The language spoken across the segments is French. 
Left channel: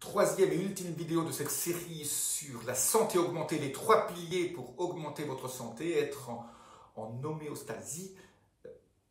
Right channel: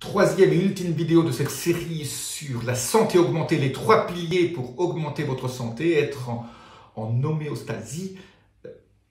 troisième et ultime vidéo de cette série sur la santé augmentée, les 3 piliers pour augmenter votre santé, être en homéostasie,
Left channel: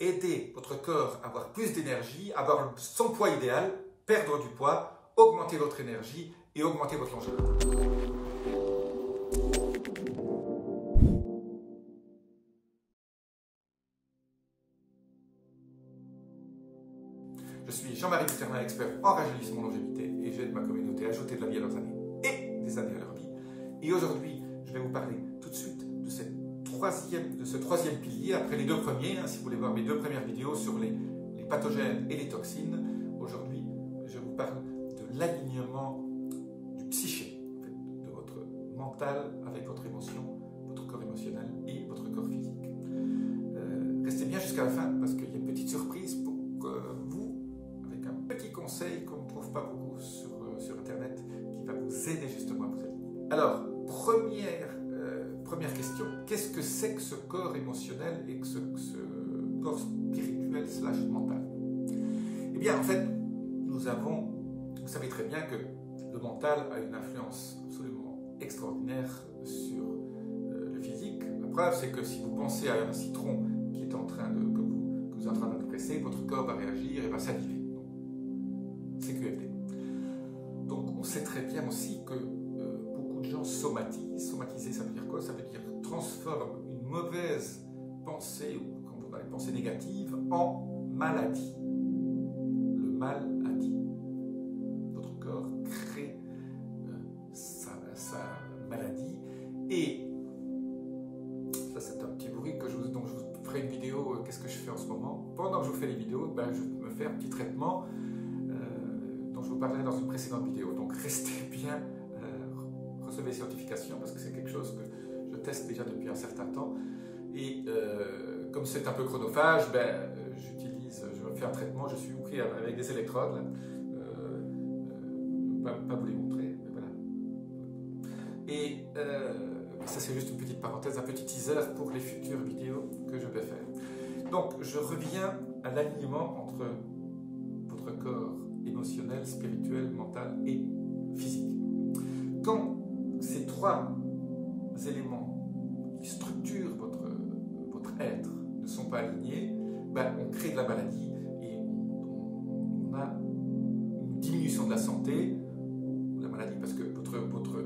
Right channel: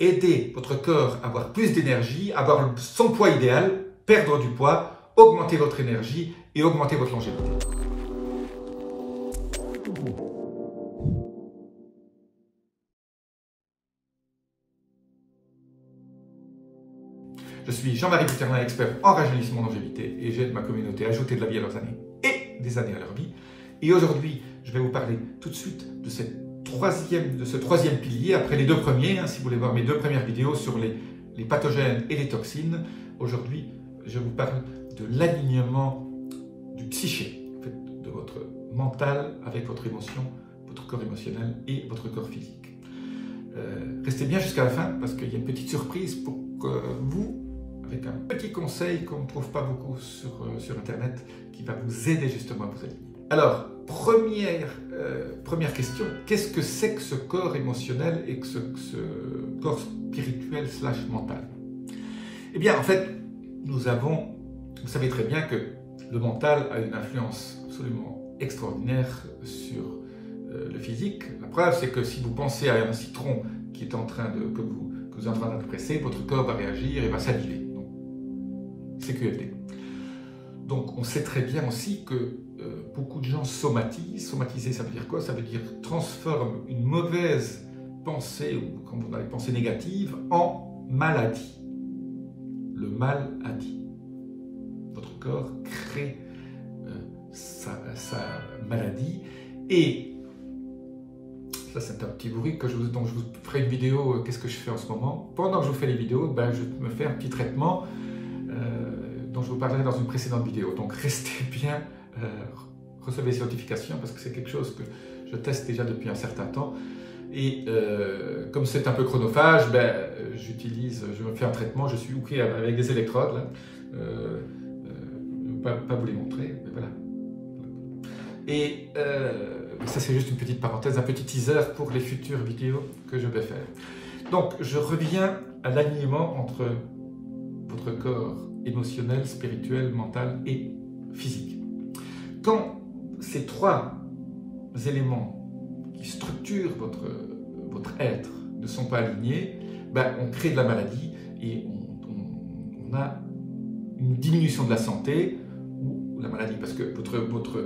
aider votre corps à avoir plus d'énergie, avoir son poids idéal, perdre du poids, augmenter votre énergie et augmenter votre longévité. Je suis Jean-Marie Bouterlin, expert en rajeunissement longévité et j'aide ma communauté à ajouter de la vie à leurs années et des années à leur vie. Et aujourd'hui, je vais vous parler tout de suite de ce troisième pilier, après les 2 premiers, si vous voulez voir mes 2 premières vidéos sur les pathogènes et les toxines. Aujourd'hui, je vous parle de l'alignement du psyché, en fait, de votre mental avec votre émotion, votre corps émotionnel et votre corps physique. Restez bien jusqu'à la fin parce qu'il y a une petite surprise pour que vous, avec un petit conseil qu'on ne trouve pas beaucoup sur Internet, qui va vous aider justement à vous aligner. Alors, première question, qu'est-ce que c'est que ce corps émotionnel et que ce corps spirituel / mental? Eh bien, en fait, vous savez très bien que le mental a une influence absolument extraordinaire sur le physique. La preuve, c'est que si vous pensez à un citron qui est en train de, que vous êtes en train de presser, votre corps va réagir et va saliver. C'est QFD. Donc, on sait très bien aussi que beaucoup de gens somatisent. Somatiser, ça veut dire quoi? Ça veut dire transforme une mauvaise pensée, ou comme on a des pensées négatives, en maladie. Le mal a dit. Votre corps crée sa maladie. Et ça, c'est un petit bruit dont je vous ferai une vidéo. Qu'est-ce que je fais en ce moment? Pendant que je vous fais les vidéos, je me fais un petit traitement dont je vous parlerai dans une précédente vidéo. Donc, restez bien. Recevez ces notifications parce que c'est quelque chose que je teste déjà depuis un certain temps et comme c'est un peu chronophage, je me fais un traitement, je suis hooké avec des électrodes là. Je ne vais pas vous les montrer, mais voilà. Et ça, c'est juste une petite parenthèse, un petit teaser pour les futures vidéos que je vais faire. Donc je reviens à l'alignement entre votre corps émotionnel, spirituel, mental et physique. Quand ces 3 éléments qui structurent votre être ne sont pas alignés, on crée de la maladie et on a une diminution de la santé ou la maladie. Parce que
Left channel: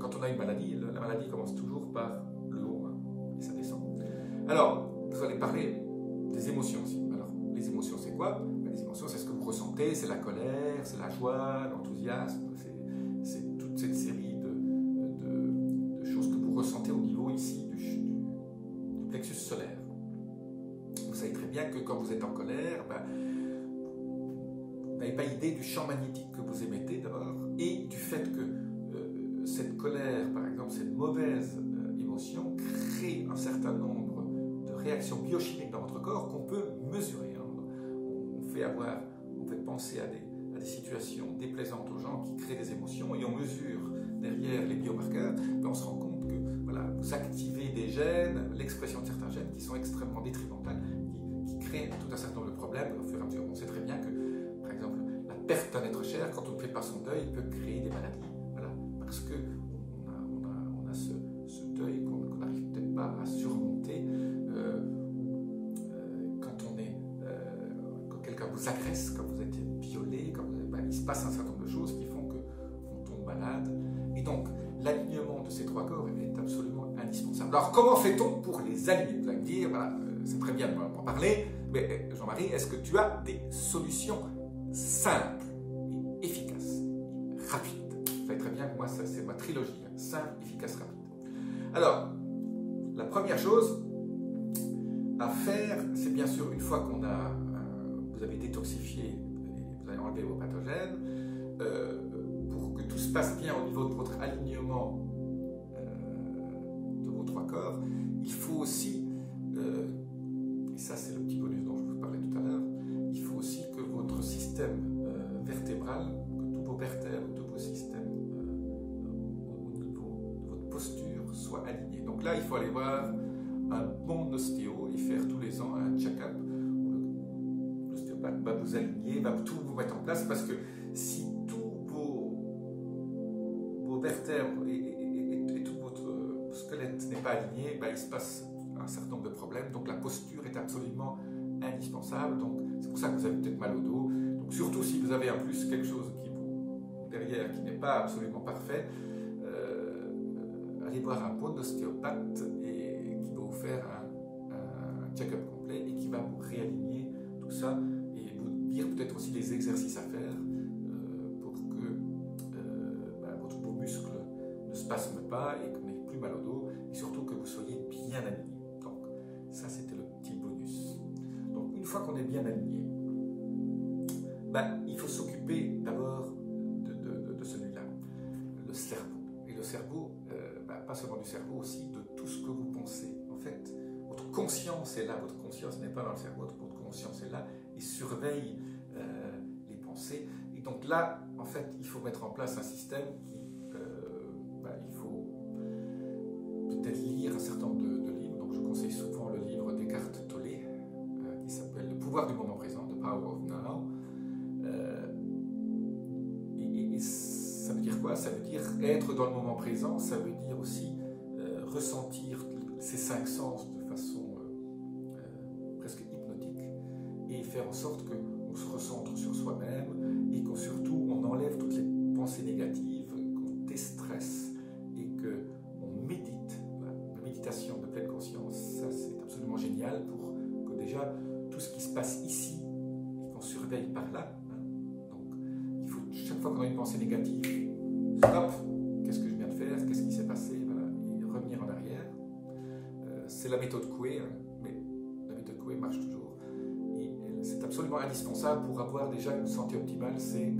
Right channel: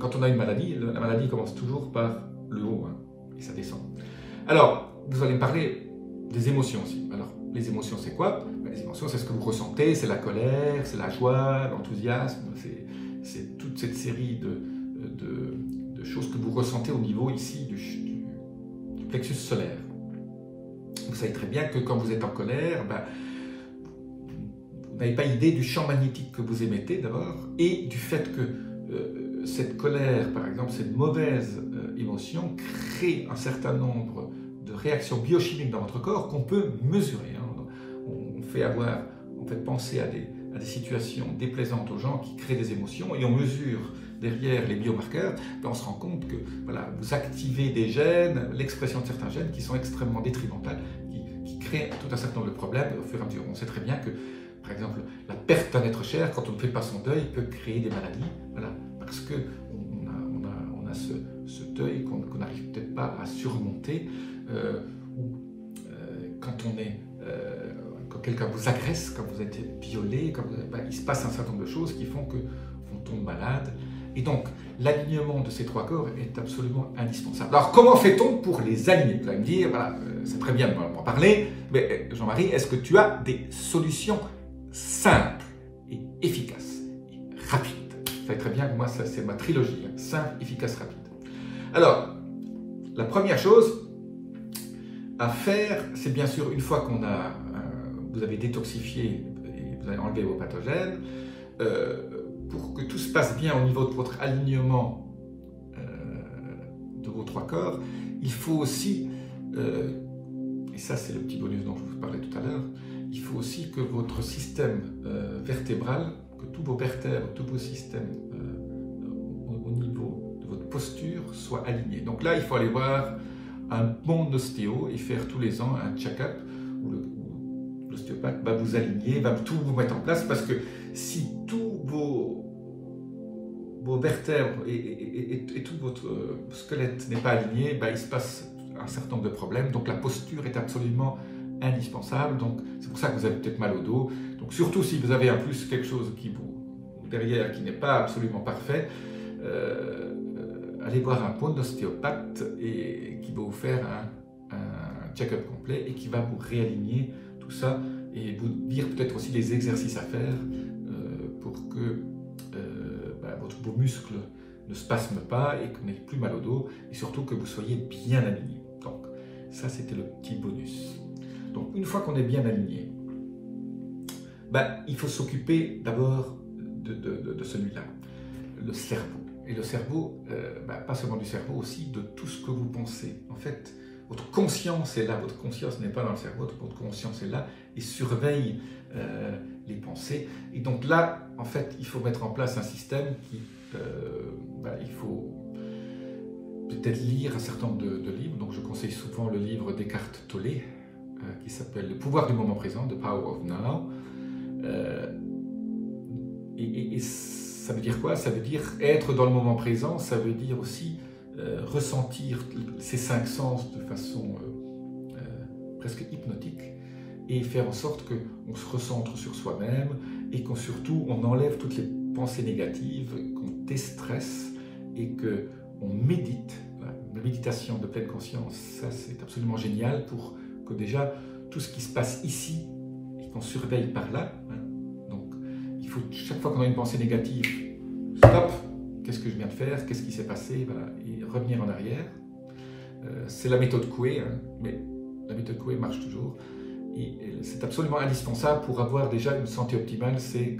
quand on a une maladie, la maladie commence toujours par le haut et ça descend. Alors, vous allez me parler des émotions aussi. Alors, les émotions, c'est quoi? Les émotions, c'est ce que vous ressentez, c'est la colère, c'est la joie, l'enthousiasme, c'est toute cette série de choses que vous ressentez au niveau ici du plexus solaire. Vous savez très bien que quand vous êtes en colère, vous n'avez pas idée du champ magnétique que vous émettez d'abord et du fait que cette colère, par exemple, cette mauvaise émotion crée un certain nombre de réactions biochimiques dans votre corps qu'on peut mesurer. On fait penser à des situations déplaisantes aux gens qui créent des émotions et on mesure derrière les biomarqueurs, on se rend compte que vous activez des gènes, l'expression de certains gènes qui sont extrêmement détrimentales, qui créent tout un certain nombre de problèmes au fur et à mesure. On sait très bien que, par exemple, la perte d'un être cher, quand on ne fait pas son deuil, peut créer des maladies, parce qu'on a ce deuil qu'on n'arrive peut-être pas à surmonter, quand quelqu'un vous agresse, quand vous êtes violé, il se passe un certain nombre de choses qui font qu'on tombe malade. Et donc, l'alignement de ces 3 corps est absolument indispensable. Alors, comment fait-on pour les aligner? Vous allez me dire, c'est très bien de m'en parler, mais Jean-Marie, est-ce que tu as des solutions simples et efficaces et rapides? Vous savez très bien que moi, ça, c'est ma trilogie, simple, efficace, rapide. Alors, la première chose à faire, c'est bien sûr, une fois vous avez détoxifié et vous avez enlevé vos pathogènes, pour que tout se passe bien au niveau de votre alignement de vos 3 corps, il faut aussi, et ça c'est le petit bonus dont je vous parlais tout à l'heure, il faut aussi que votre système vertébral, que tous vos vertèbres, tous vos systèmes au niveau de votre posture soient alignés. Donc là, il faut aller voir un bon ostéo et faire tous les ans un check-up où l'ostéopathe va vous aligner, va tout vous mettre en place, parce que si tous vertèbres et tout votre squelette n'est pas aligné, il se passe un certain nombre de problèmes. Donc la posture est absolument indispensable. Donc c'est pour ça que vous avez peut-être mal au dos. Donc surtout si vous avez en plus quelque chose derrière qui n'est pas absolument parfait, allez voir un bon ostéopathe et qui va vous faire un check-up complet et qui va vous réaligner tout ça et vous dire peut-être aussi les exercices à faire pour que vos muscles ne spasment pas et que vous n'ayez plus mal au dos et surtout que vous soyez bien aligné. Donc ça c'était le petit bonus. Donc une fois qu'on est bien aligné, il faut s'occuper d'abord de celui-là, le cerveau. Et le cerveau, pas seulement du cerveau, aussi de tout ce que vous pensez. En fait, votre conscience est là, votre conscience n'est pas dans le cerveau, votre conscience est là et surveille les pensées. Et donc là, en fait, il faut mettre en place un système qui, il faut peut-être lire un certain nombre de livres. Donc je conseille souvent le livre d'Eckhart Tolle qui s'appelle Le pouvoir du moment présent, The Power of Now. Et ça veut dire quoi? Ça veut dire être dans le moment présent, ça veut dire aussi ressentir ces 5 sens de façon presque hypnotique et faire en sorte qu'on se recentre sur soi-même et qu'on surtout on enlève toutes les pensées négatives, qu'on déstresse et qu'on médite. Voilà. La méditation de pleine conscience, ça c'est absolument génial pour que déjà tout ce qui se passe ici et qu'on surveille par là. Chaque fois qu'on a une pensée négative, stop, qu'est-ce que je viens de faire, qu'est-ce qui s'est passé, voilà, et revenir en arrière. C'est la méthode Coué, mais la méthode Coué marche toujours. Et c'est absolument indispensable pour avoir déjà une santé optimale, c'est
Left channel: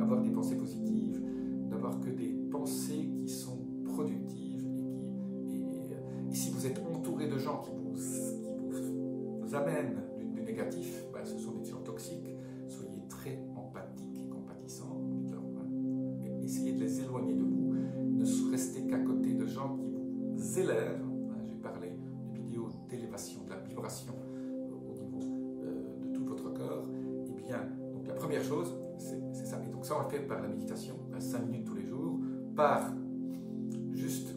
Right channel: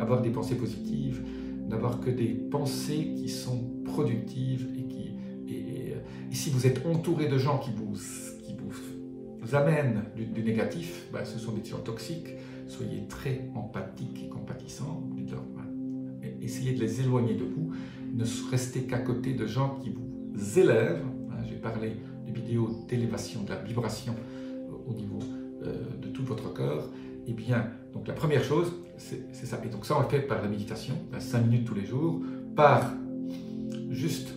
avoir des pensées positives, d'avoir que des pensées qui sont productives et si vous êtes entouré de gens qui vous amènent du négatif, ce sont des gens toxiques, soyez très empathiques et compatissants, essayez de les éloigner de vous, ne restez qu'à côté de gens qui vous élèvent. J'ai parlé de vidéos d'élévation, de la vibration au niveau de tout votre corps. Et bien, donc la première chose, c'est ça. Et donc ça, on le fait par la méditation, 5 minutes tous les jours, par juste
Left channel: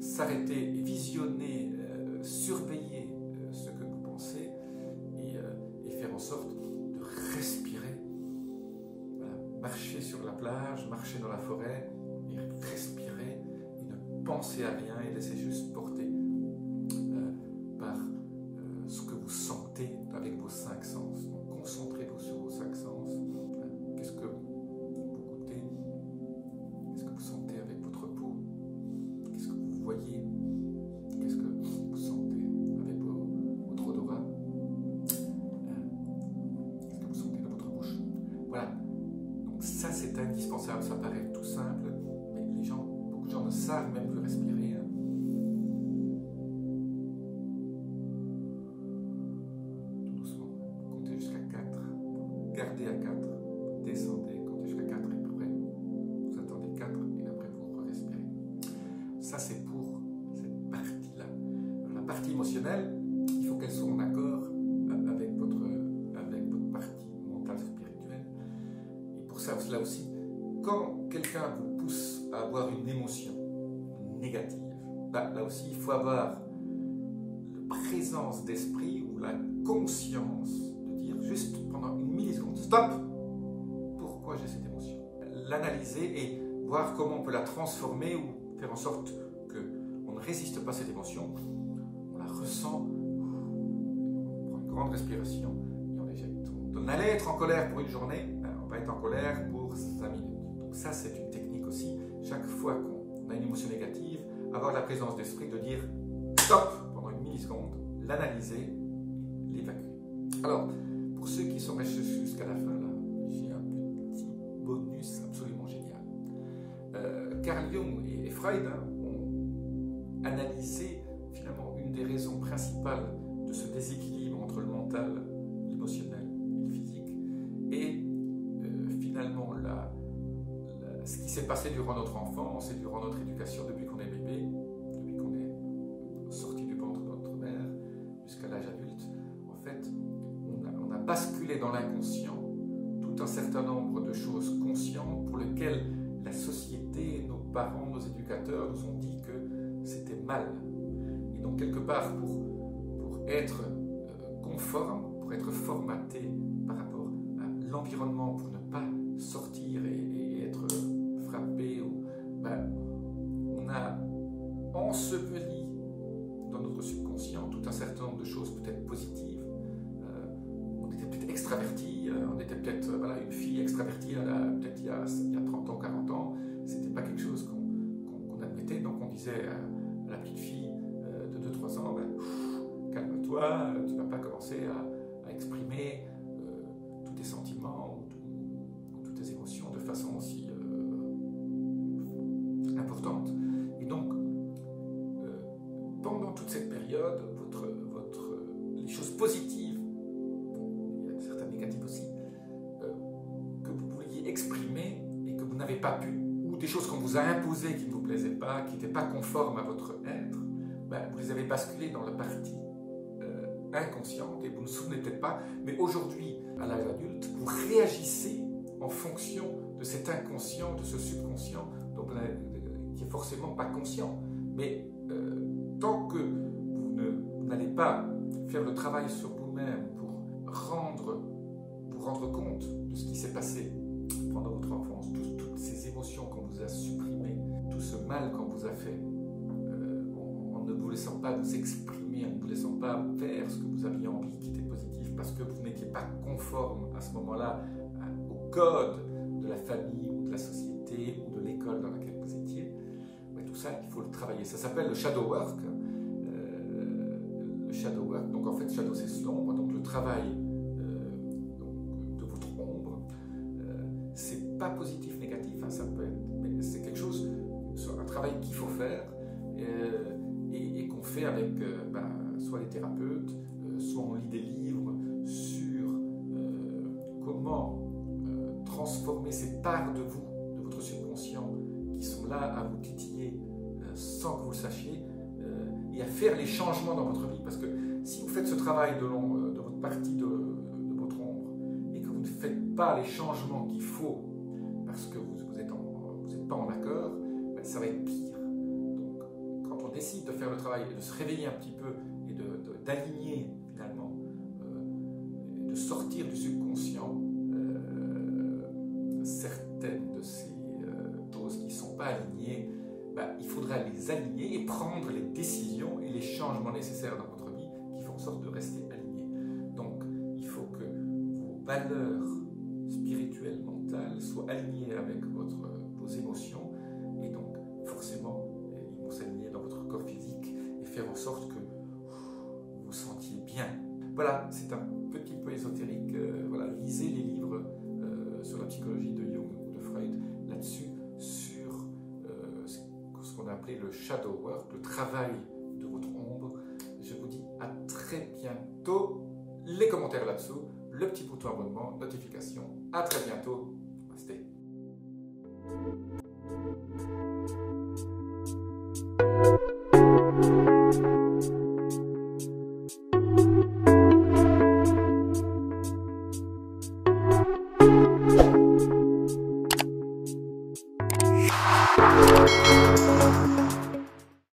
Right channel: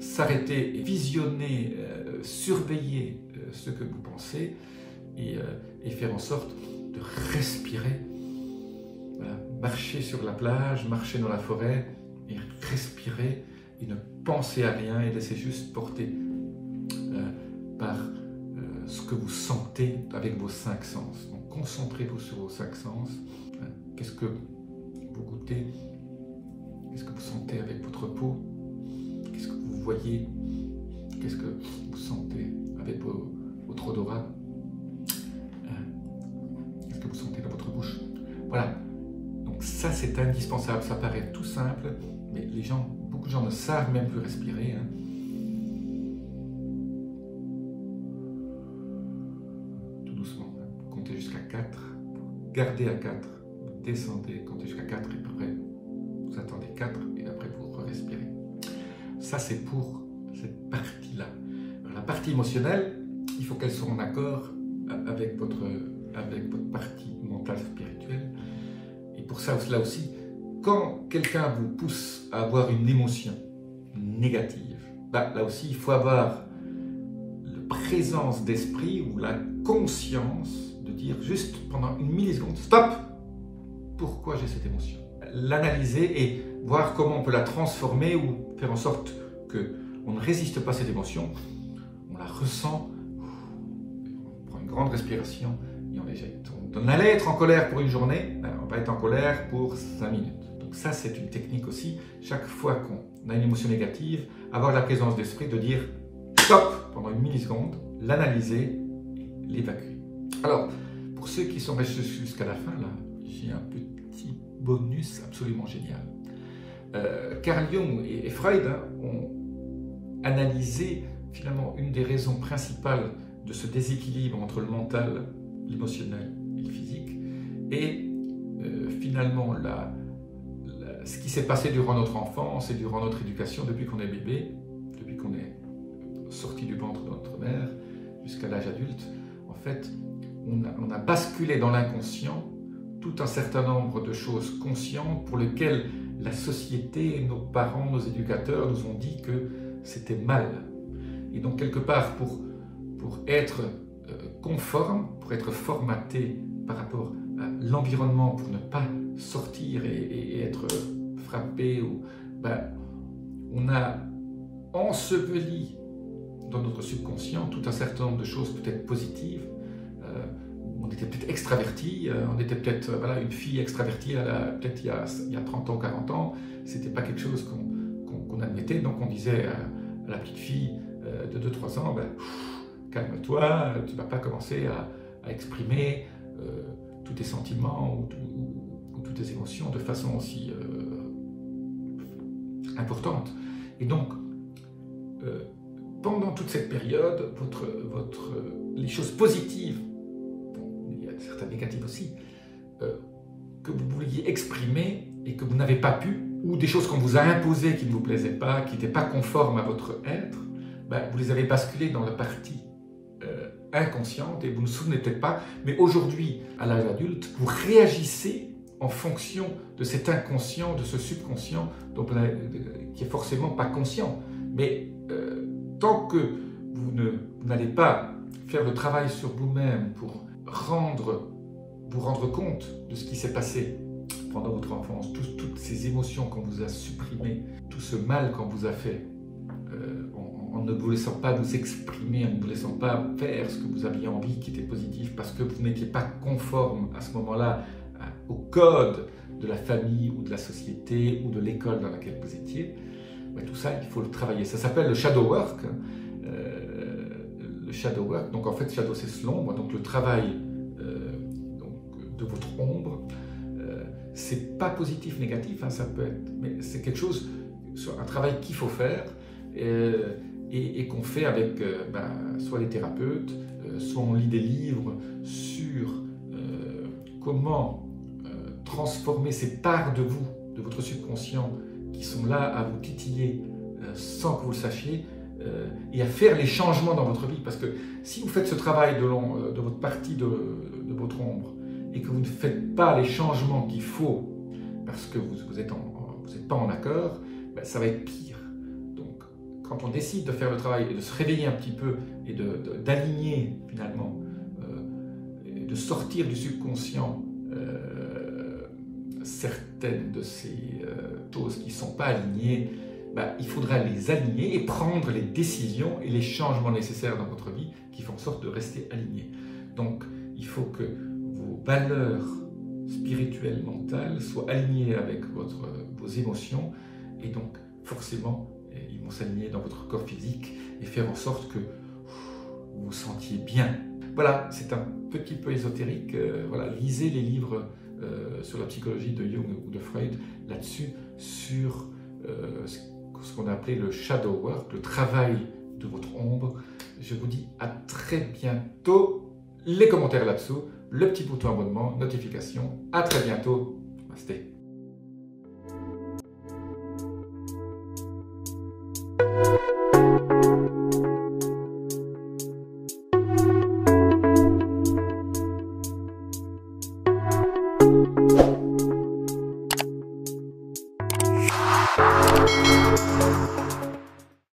s'arrêter, visionner, surveiller ce que vous pensez et faire en sorte de respirer. Voilà. Marcher sur la plage, marcher dans la forêt et respirer et ne penser à rien et laisser juste porter par ce que vous sentez avec vos 5 sens. Donc concentrez-vous sur vos 5 sens. Qu'est-ce que vous goûtez? Qu'est-ce que vous sentez avec votre peau? Qu'est-ce que vous voyez? Qu'est-ce que vous sentez avec votre odorat? Qu'est-ce que vous sentez dans votre bouche? Voilà. Donc ça, c'est indispensable. Ça paraît tout simple, mais beaucoup de gens ne savent même plus respirer. Tout doucement. Vous comptez jusqu'à 4. Gardez à 4. Vous descendez, comptez jusqu'à 4 et après, vous attendez 4 et après vous respirez. Ça, c'est pour cette partie-là. La partie émotionnelle, il faut qu'elle soit en accord avec votre partie mentale spirituelle. Et pour ça, là aussi, quand quelqu'un vous pousse à avoir une émotion négative, là aussi, il faut avoir la présence d'esprit ou la conscience de dire juste pendant une milliseconde, stop, pourquoi j'ai cette émotion? L'analyser et voir comment on peut la transformer ou faire en sorte qu'on ne résiste pas à cette émotion, on la ressent, on prend une grande respiration et on l'éjecte. On allait être en colère pour une journée, on va être en colère pour 5 minutes. Donc ça, c'est une technique aussi. Chaque fois qu'on a une émotion négative, avoir la présence d'esprit de dire stop pendant une milliseconde, l'analyser, l'évacuer. Alors, pour ceux qui sont restés jusqu'à la fin, là, j'ai un petit bonus absolument génial. Carl Jung et Freud ont analysé finalement une des raisons principales de ce déséquilibre entre le mental, l'émotionnel et le physique. Et finalement, ce qui s'est passé durant notre enfance et durant notre éducation, depuis qu'on est bébé, depuis qu'on est sorti du ventre de notre mère jusqu'à l'âge adulte, en fait, on a basculé dans l'inconscient tout un certain nombre de choses conscientes pour lesquelles la société, nos parents, nos éducateurs nous ont dit que c'était mal. Et donc quelque part, pour être conforme, pour être formaté par rapport à l'environnement, pour ne pas sortir et être frappé, on a enseveli dans notre subconscient tout un certain nombre de choses peut-être positives. On était peut-être extraverti, on était peut-être une fille extravertie peut-être il y a 30 ans, 40 ans, c'était pas quelque chose qu'on admettait, donc on disait à la petite fille de 2-3 ans, calme-toi, tu ne vas pas commencer à exprimer tous tes sentiments ou toutes tes émotions de façon aussi importante. Et donc, pendant toute cette période, les choses positives, il y a certaines négatives aussi, que vous vouliez exprimer et que vous n'avez pas pu, ou des choses qu'on vous a imposées qui ne vous plaisaient pas, qui n'étaient pas conformes à votre être, vous les avez basculées dans la partie inconsciente et vous ne vous souvenez peut-être pas, mais aujourd'hui, à l'âge adulte, vous réagissez en fonction de cet inconscient, de ce subconscient, qui est forcément pas conscient. Mais tant que vous n'allez pas faire le travail sur vous-même pour vous rendre compte de ce qui s'est passé pendant votre enfance, toutes ces émotions qu'on vous a supprimées, tout ce mal qu'on vous a fait, en ne vous laissant pas vous exprimer, en ne vous laissant pas faire ce que vous aviez envie qui était positif, parce que vous n'étiez pas conforme à ce moment-là au code de la famille ou de la société ou de l'école dans laquelle vous étiez, tout ça, il faut le travailler. Ça s'appelle le shadow work. Le shadow work, donc en fait, shadow c'est l'ombre, donc le travail de votre ombre, c'est pas positif, négatif, ça peut être, mais c'est quelque chose, un travail qu'il faut faire et qu'on fait avec soit les thérapeutes, soit on lit des livres sur comment transformer ces parts de vous, de votre subconscient, qui sont là à vous titiller sans que vous le sachiez, et à faire les changements dans votre vie. Parce que si vous faites ce travail de votre partie de votre ombre et que vous ne faites pas les changements qu'il faut parce que vous n'êtes pas en accord, ça va être pire. Donc quand on décide de faire le travail et de se réveiller un petit peu et d'aligner finalement, de sortir du subconscient certaines de ces choses qui ne sont pas alignées, il faudra les aligner et prendre les décisions et les changements nécessaires dans votre vie qui font en sorte de rester alignés. Donc, il faut que vos valeurs spirituelles, mentales soient alignées avec vos émotions et donc, forcément, ils vont s'aligner dans votre corps physique et faire en sorte que vous vous sentiez bien. Voilà, c'est un petit peu ésotérique. Lisez les livres sur la psychologie de Jung ou de Freud là-dessus, sur ce qu'on a appelé le shadow work, le travail de votre ombre. Je vous dis à très bientôt. Les commentaires là-dessous, le petit bouton abonnement, notification. À très bientôt. Namasté.